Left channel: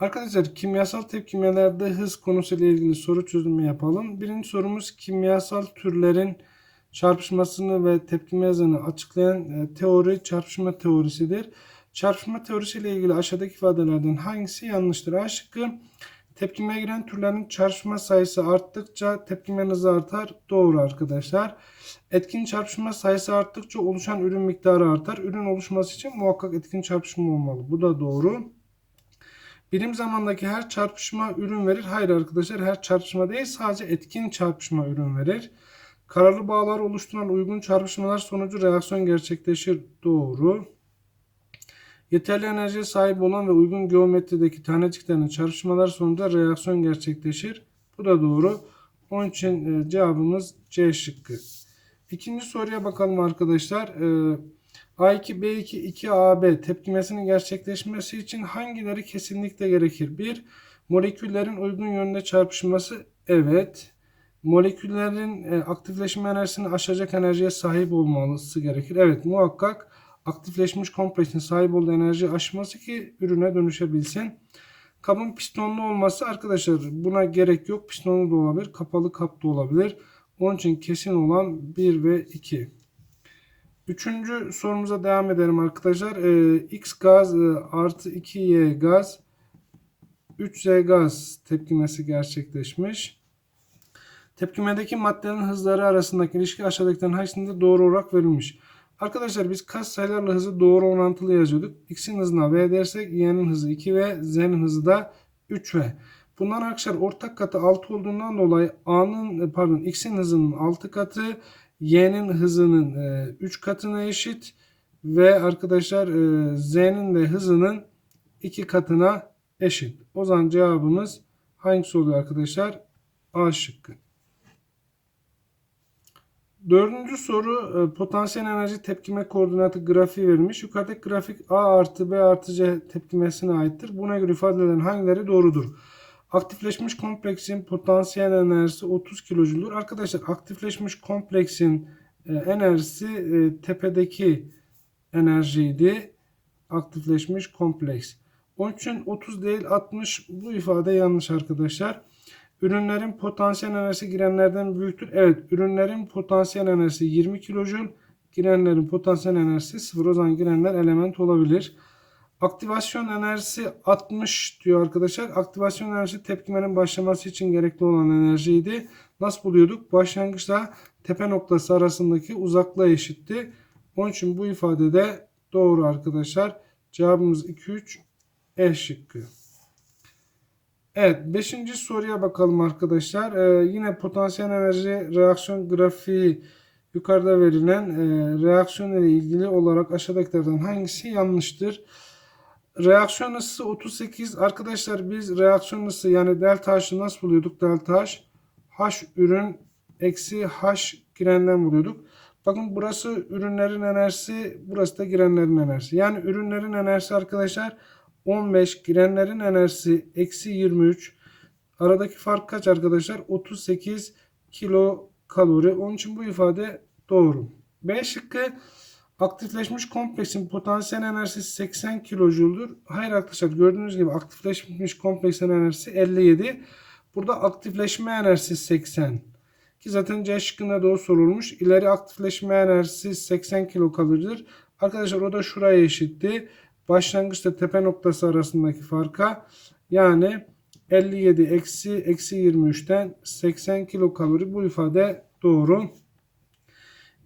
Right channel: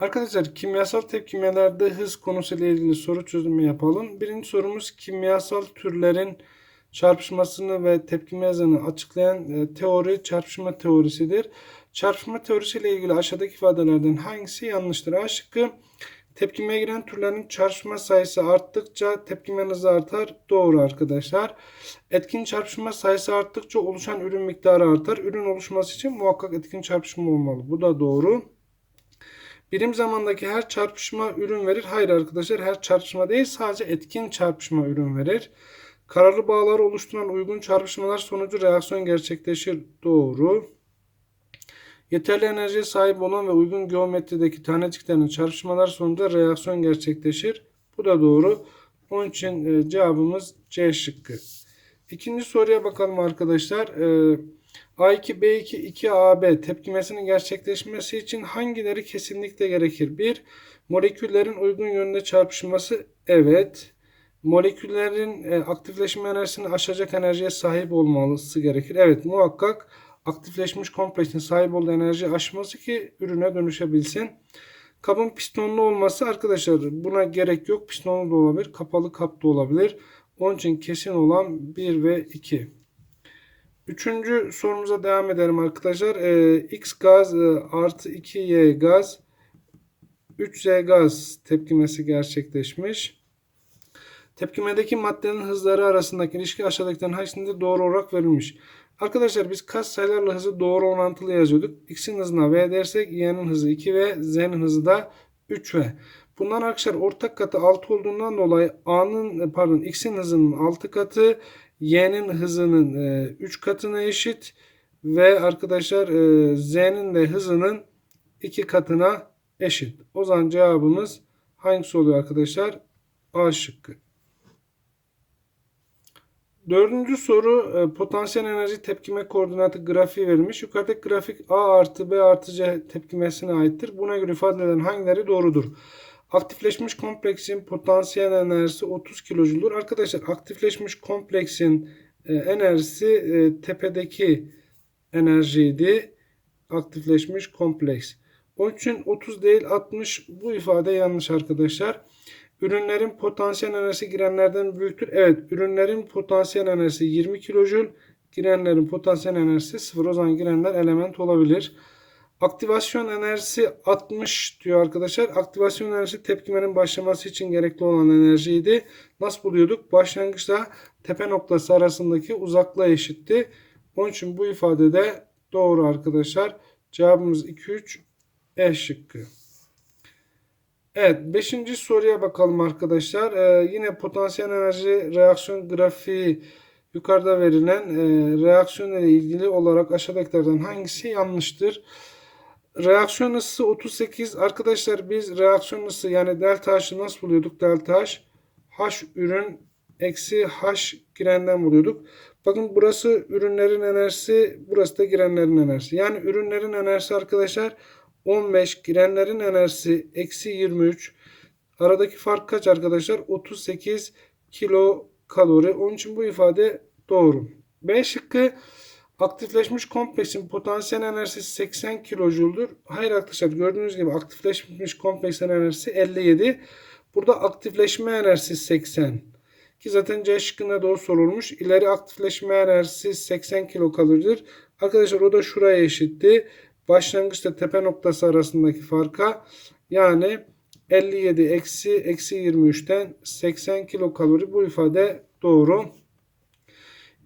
Arkadaşlar kimyasal tepkimelerde hız konusuyla ilgili soru çözümü yapalım. Birinci sorumuz kimyasal türlerin çarpışmasını ve tepkime hızını açıklayan e, teori çarpışma teorisidir. Çarpışma teorisiyle ilgili aşağıdaki ifadelerden hangisi yanlıştır? A şıkkı tepkimeye giren türlerin çarpışma sayısı arttıkça tepkime hızı artar. Doğru arkadaşlar. Etkin çarpışma sayısı arttıkça oluşan ürün miktarı artar. Ürün oluşması için muhakkak etkin çarpışma olmalı. Bu da doğru. Birim zamandaki her çarpışma ürün verir. Hayır arkadaşlar her çarpışma değil sadece etkin çarpışma ürün verir. Kararlı bağlar oluşturan uygun çarpışmalar sonucu reaksiyon gerçekleşir. Doğru. Yeterli enerjiye sahip olan ve uygun geometrideki taneciklerin çarpışmalar sonucu reaksiyon gerçekleşir. Bu da doğru. Onun için e, cevabımız C şıkkı. İkinci soruya bakalım arkadaşlar. E, A2, B2, 2AB tepkimesinin gerçekleşmesi için hangileri kesinlikle gerekir? 1. Moleküllerin uygun yönde çarpışması. Evet. Moleküllerin e, aktifleşme enerjisini aşacak enerjiye sahip olması gerekir. Evet muhakkak aktifleşmiş kompleksin sahip olduğu enerji aşması ki ürüne dönüşebilsin. Kabın pistonlu olması arkadaşlar buna gerek yok. Pistonlu da olabilir. Kapalı kap da olabilir. Onun için kesin olan 1 ve 2. Üçüncü sorumuza devam edelim arkadaşlar. Ee, X gaz e, artı 2Y gaz 3Z gaz tepkimesi gerçekleşmiş. Tepkimedeki maddelerin hızları arasındaki ilişki aşağıdakilerin hangisinde doğru olarak verilmiş. Arkadaşlar biz kas sayılarla hızı doğru orantılı yazıyorduk. X'in hızına V dersek Y'nin hızı 2V, Z'nin hızı da 3V. Bunlar arkadaşlar ortak katı 6 olduğundan dolayı A'nın pardon X'in hızının 6 katı Y'nin hızının 3 katına eşit ve arkadaşlar e, Z'nin de hızının 2 katına eşit. O zaman cevabımız hangisi oluyor arkadaşlar? A şıkkı. Dördüncü soru e, potansiyel enerji tepkime koordinatı grafiği verilmiş. Yukarıdaki grafik A artı B artı C tepkimesine aittir. Buna göre ifade edilen hangileri doğrudur? Aktifleşmiş kompleksin potansiyel enerjisi 30 kilojüldür. Arkadaşlar aktifleşmiş kompleksin e, enerjisi e, tepedeki enerjiydi. Aktifleşmiş kompleks. Onun için 30 değil 60 bu ifade yanlış arkadaşlar. Ürünlerin potansiyel enerjisi girenlerden büyüktür. Evet ürünlerin potansiyel enerjisi 20 kilojül. Girenlerin potansiyel enerjisi 0. O zaman girenler element olabilir. Aktivasyon enerjisi 60 diyor arkadaşlar. Aktivasyon enerjisi tepkimenin başlaması için gerekli olan enerjiydi. Nasıl buluyorduk? Başlangıçta tepe noktası arasındaki uzaklığa eşitti. Onun için bu ifade de doğru arkadaşlar. Cevabımız 2-3 E şıkkı. Evet 5. soruya bakalım arkadaşlar. Ee, yine potansiyel enerji reaksiyon grafiği yukarıda verilen e, reaksiyon ile ilgili olarak aşağıdakilerden hangisi yanlıştır? Reaksiyon ısısı 38. Arkadaşlar biz reaksiyon ısı yani delta H'ı nasıl buluyorduk? Delta H H ürün eksi H girenden buluyorduk. Bakın burası ürünlerin enerjisi, burası da girenlerin enerjisi. Yani ürünlerin enerjisi arkadaşlar 15, girenlerin enerjisi eksi 23. Aradaki fark kaç arkadaşlar? 38 kilo kalori. Onun için bu ifade doğru. B şıkkı aktifleşmiş kompleksin potansiyel enerjisi 80 kilojüldür. Hayır arkadaşlar gördüğünüz gibi aktifleşmiş kompleksin enerjisi 57. Burada aktifleşme enerjisi 80. Ki zaten C şıkkında da o sorulmuş. İleri aktifleşme enerjisi 80 kilokaloridir. Arkadaşlar o da şuraya eşitti. Başlangıçta tepe noktası arasındaki farka yani 57 eksi eksi 23'ten 80 kilokalori bu ifade doğru.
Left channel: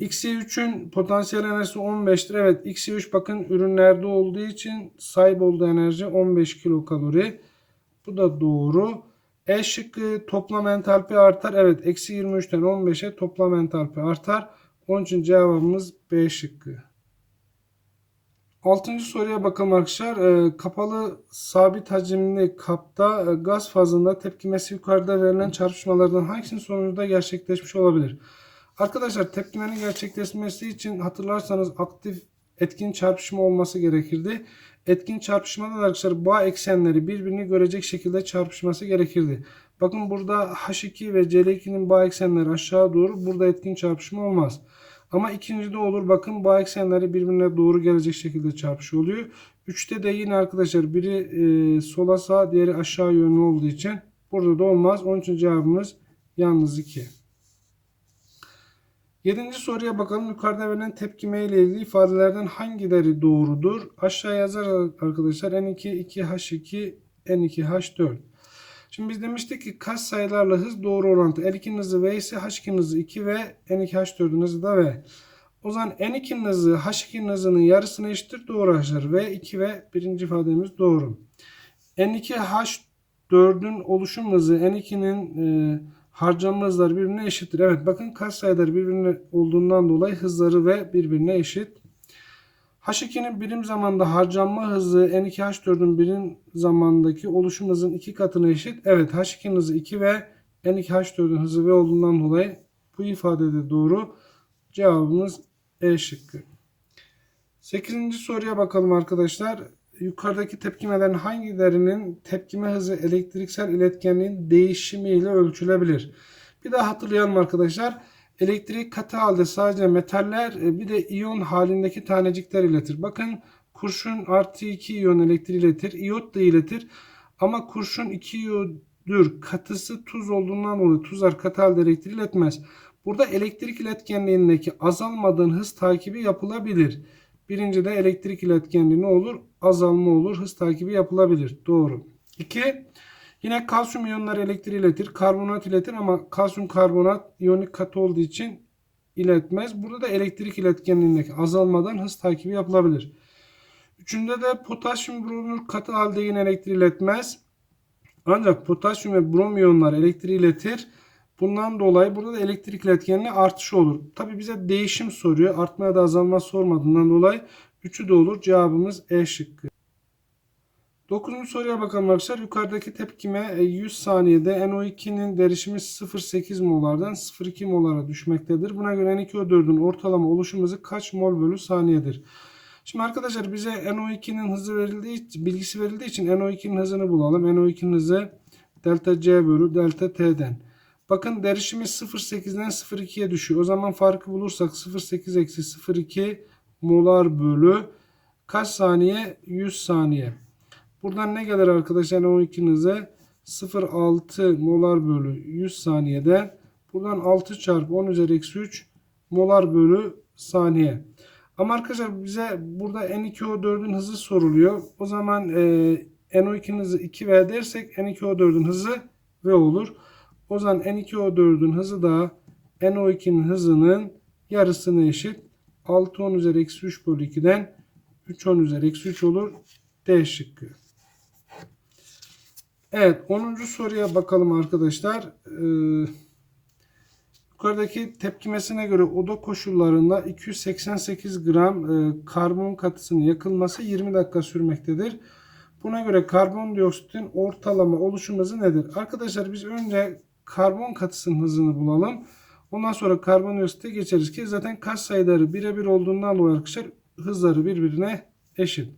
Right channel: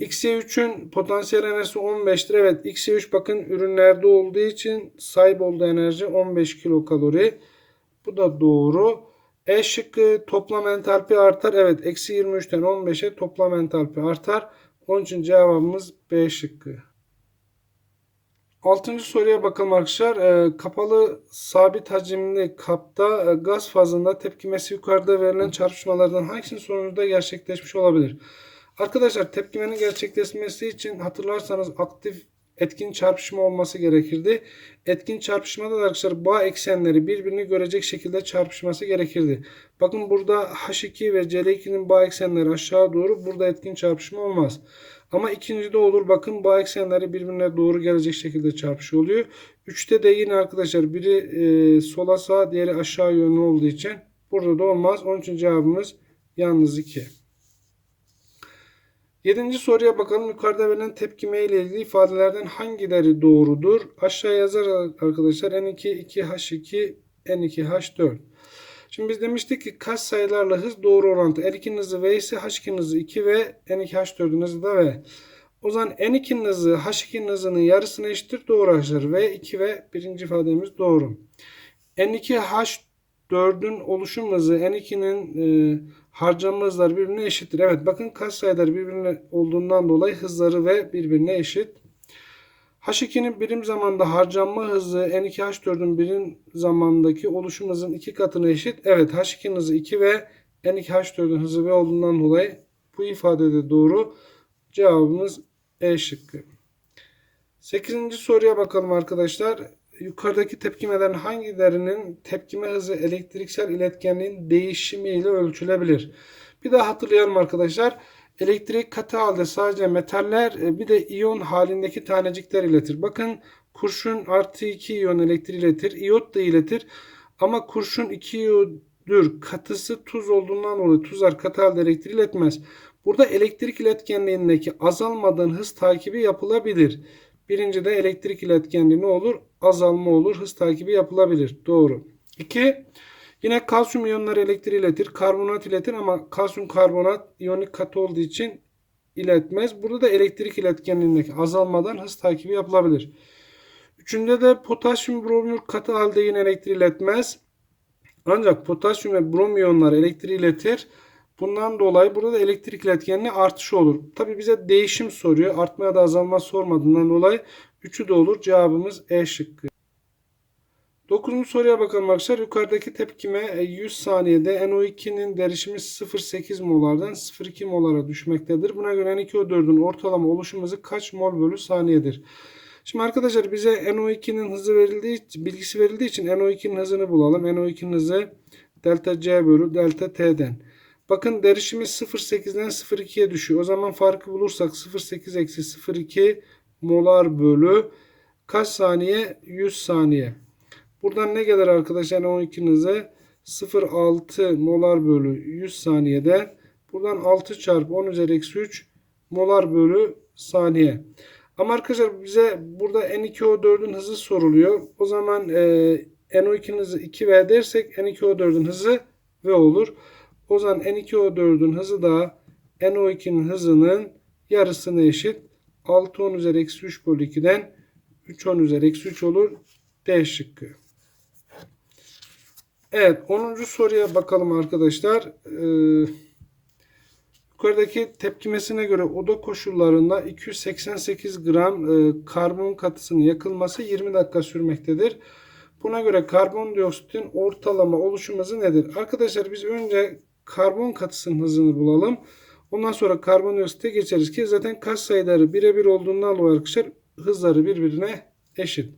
XY3'ün potansiyel enerjisi 15'tir. Evet XY3 bakın ürünlerde olduğu için sahip olduğu enerji 15 kilokalori. Bu da doğru. E şıkkı toplam entalpi artar. Evet eksi 23'ten 15'e toplam entalpi artar. Onun için cevabımız B şıkkı. Altıncı soruya bakalım arkadaşlar. E, kapalı sabit hacimli kapta e, gaz fazında tepkimesi yukarıda verilen çarpışmalardan hangisinin sonucunda gerçekleşmiş olabilir? Arkadaşlar tepkimenin gerçekleşmesi için hatırlarsanız aktif etkin çarpışma olması gerekirdi. Etkin çarpışmada da arkadaşlar bağ eksenleri birbirini görecek şekilde çarpışması gerekirdi. Bakın burada H2 ve CL2'nin bağ eksenleri aşağı doğru. Burada etkin çarpışma olmaz. Ama ikincide olur. Bakın bağ eksenleri birbirine doğru gelecek şekilde çarpışıyor oluyor. 3'te de yine arkadaşlar biri e, sola sağa diğeri aşağı yönlü olduğu için burada da olmaz. Onun için cevabımız yalnız 2. Yedinci soruya bakalım. Yukarıda verilen tepkime ile ilgili ifadelerden hangileri doğrudur? Aşağı yazar arkadaşlar. N2, 2H2, N2H4. Şimdi biz demiştik ki kaç sayılarla hız doğru orantı. N2'nin hızı V ise H2'nin hızı 2 ve N2H4'ün hızı da V. O zaman N2'nin hızı H2'nin hızının yarısına eşittir. Doğru arkadaşlar. V 2 ve birinci ifademiz doğru. N2H4'ün oluşum hızı N2'nin e, harcanma hızları birbirine eşittir. Evet bakın kaç sayılar birbirine olduğundan dolayı hızları ve birbirine eşit. H2'nin birim zamanda harcanma hızı N2H4'ün birim zamandaki oluşum hızının iki katına eşit. Evet H2'nin hızı 2 ve N2H4'ün hızı V olduğundan dolayı bu ifade de doğru. Cevabımız E şıkkı. 8. soruya bakalım arkadaşlar. Yukarıdaki tepkimelerin hangilerinin tepkime hızı elektriksel iletkenliğin değişimiyle ölçülebilir? Bir daha hatırlayalım arkadaşlar. Elektrik katı halde sadece metaller e, bir de iyon halindeki tanecikler iletir. Bakın kurşun artı 2 iyon elektriği iletir. İyot da iletir. Ama kurşun 2 iyodür. Katısı tuz olduğundan dolayı tuzlar katı halde elektriği iletmez. Burada elektrik iletkenliğindeki azalmadan hız takibi yapılabilir. Birinci de elektrik iletkenliği ne olur? Azalma olur. Hız takibi yapılabilir. Doğru. 2. Yine kalsiyum iyonları elektriği iletir. Karbonat iletir ama kalsiyum karbonat iyonik katı olduğu için iletmez. Burada da elektrik iletkenliğindeki azalmadan hız takibi yapılabilir. Üçünde de potasyum bromür katı halde yine elektriği iletmez. Ancak potasyum ve brom iyonları elektriği iletir. Bundan dolayı burada da elektrik iletkenliği artışı olur. Tabi bize değişim soruyor. Artma ya da azalma sormadığından dolayı 3'ü de olur. Cevabımız E şıkkı. 9. soruya bakalım arkadaşlar. Yukarıdaki tepkime 100 saniyede NO2'nin derişimi 0.8 molardan 0.2 molara düşmektedir. Buna göre N2O4'ün ortalama oluşum hızı kaç mol bölü saniyedir? Şimdi arkadaşlar bize NO2'nin hızı verildiği bilgisi verildiği için NO2'nin hızını bulalım. NO2'nin hızı delta C bölü delta T'den. Bakın derişimi 0.8'den 0.2'ye düşüyor. O zaman farkı bulursak 0.8 eksi 0.2 molar bölü kaç saniye? 100 saniye. Buradan ne gelir arkadaşlar 12'nin hızı 0.6 molar bölü 100 saniyede. Buradan 6 çarpı 10 üzeri eksi 3 molar bölü saniye. Ama arkadaşlar bize burada N2O4'ün hızı soruluyor. O zaman e, NO2'nin hızı 2V dersek N2O4'ün hızı V olur. O zaman N2O4'ün hızı da NO2'nin hızının yarısına eşit. 6 10 üzeri eksi 3 bölü 2'den 3 10 üzeri eksi 3 olur. D şıkkı. Evet 10. soruya bakalım arkadaşlar. Ee, yukarıdaki tepkimesine göre oda koşullarında 288 gram e, karbon katısının yakılması 20 dakika sürmektedir. Buna göre karbondioksitin ortalama oluşum hızı nedir? Arkadaşlar biz önce karbon katısının hızını bulalım. Ondan sonra karbondioksite geçeriz ki zaten kaç sayıları birebir olduğundan dolayı arkadaşlar hızları birbirine eşit.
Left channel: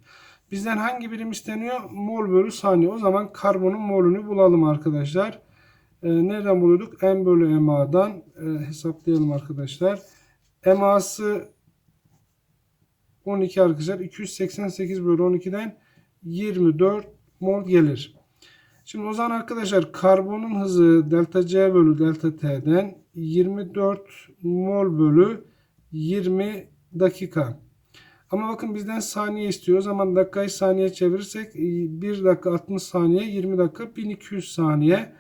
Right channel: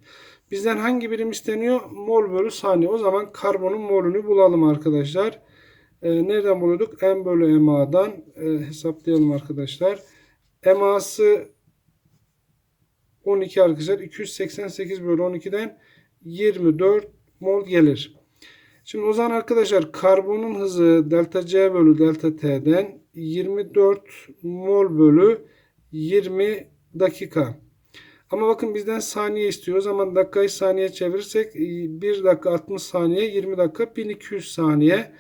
Bizden hangi birim isteniyor? Mol bölü saniye. O zaman karbonun molünü bulalım arkadaşlar. Ee, nereden buluyorduk? M bölü MA'dan e, hesaplayalım arkadaşlar. MA'sı 12 arkadaşlar. 288 bölü 12'den 24 mol gelir. Şimdi o zaman arkadaşlar karbonun hızı delta C bölü delta T'den 24 mol bölü 20 dakika. Ama bakın bizden saniye istiyor. O zaman dakikayı saniye çevirirsek 1 dakika 60 saniye 20 dakika 1200 saniye.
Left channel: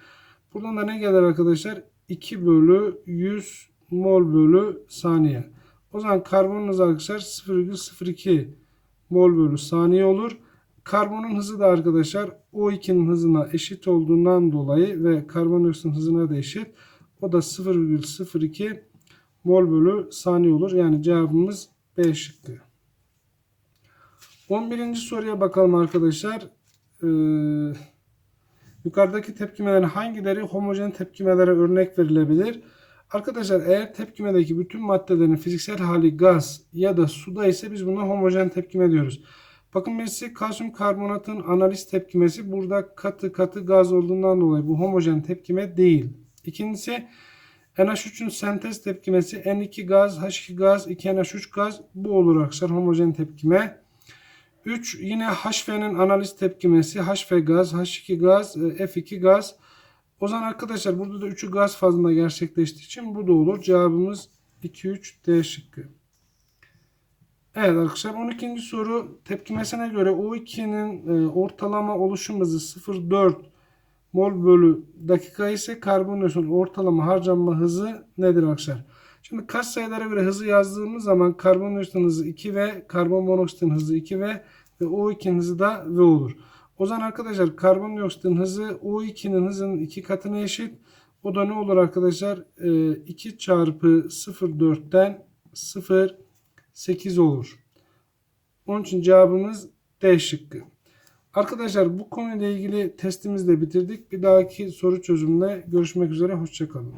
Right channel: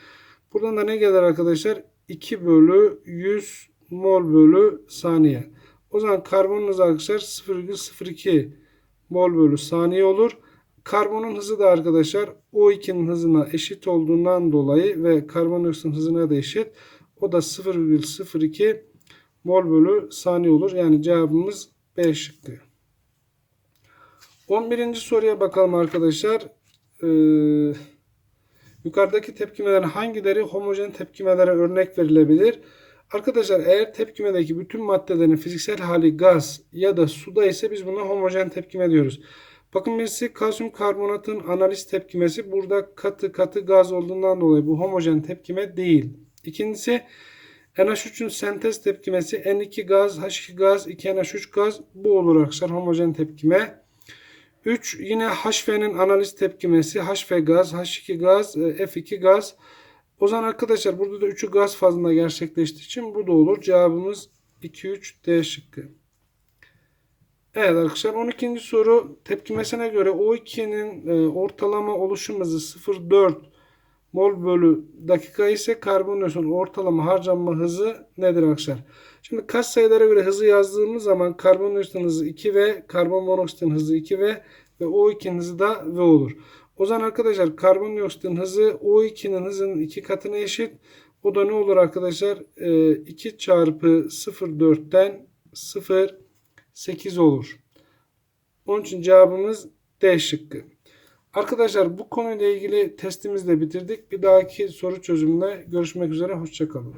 Buradan da ne gelir arkadaşlar? 2 bölü 100 mol bölü saniye. O zaman karbonun hızı arkadaşlar 0,02 mol bölü saniye olur. Karbonun hızı da arkadaşlar O2'nin hızına eşit olduğundan dolayı ve karbondioksitin hızına da eşit. O da 0,02 mol bölü saniye olur. Yani cevabımız B şıkkı. 11. soruya bakalım arkadaşlar. Ee, yukarıdaki tepkimelerin hangileri homojen tepkimelere örnek verilebilir? Arkadaşlar eğer tepkimedeki bütün maddelerin fiziksel hali gaz ya da suda ise biz buna homojen tepkime diyoruz. Bakın birisi kalsiyum karbonatın analiz tepkimesi burada katı katı gaz olduğundan dolayı bu homojen tepkime değil. İkincisi NH3'ün sentez tepkimesi N2 gaz, H2 gaz, 2NH3 gaz bu olur arkadaşlar homojen tepkime. 3 yine HF'nin analiz tepkimesi. HF gaz, H2 gaz, e, F2 gaz. O zaman arkadaşlar burada da 3'ü gaz fazında gerçekleştiği için bu da olur. Cevabımız 2 3 D şıkkı. Evet arkadaşlar 12. soru tepkimesine göre O2'nin e, ortalama oluşum hızı 0,4 mol bölü dakika ise karbondioksit ortalama harcanma hızı nedir arkadaşlar? Şimdi kaç sayılara göre hızı yazdığımız zaman karbondioksitin hızı 2V, karbon monoksitin hızı 2V ve O2'nin hızı da V olur. O zaman arkadaşlar karbondioksitin hızı O2'nin hızının 2 katına eşit. O da ne olur arkadaşlar? E, 2 çarpı 0,4'ten 0,8 olur. Onun için cevabımız D şıkkı. Arkadaşlar bu konuyla ilgili testimizi de bitirdik. Bir dahaki soru çözümüne görüşmek üzere. Hoşçakalın.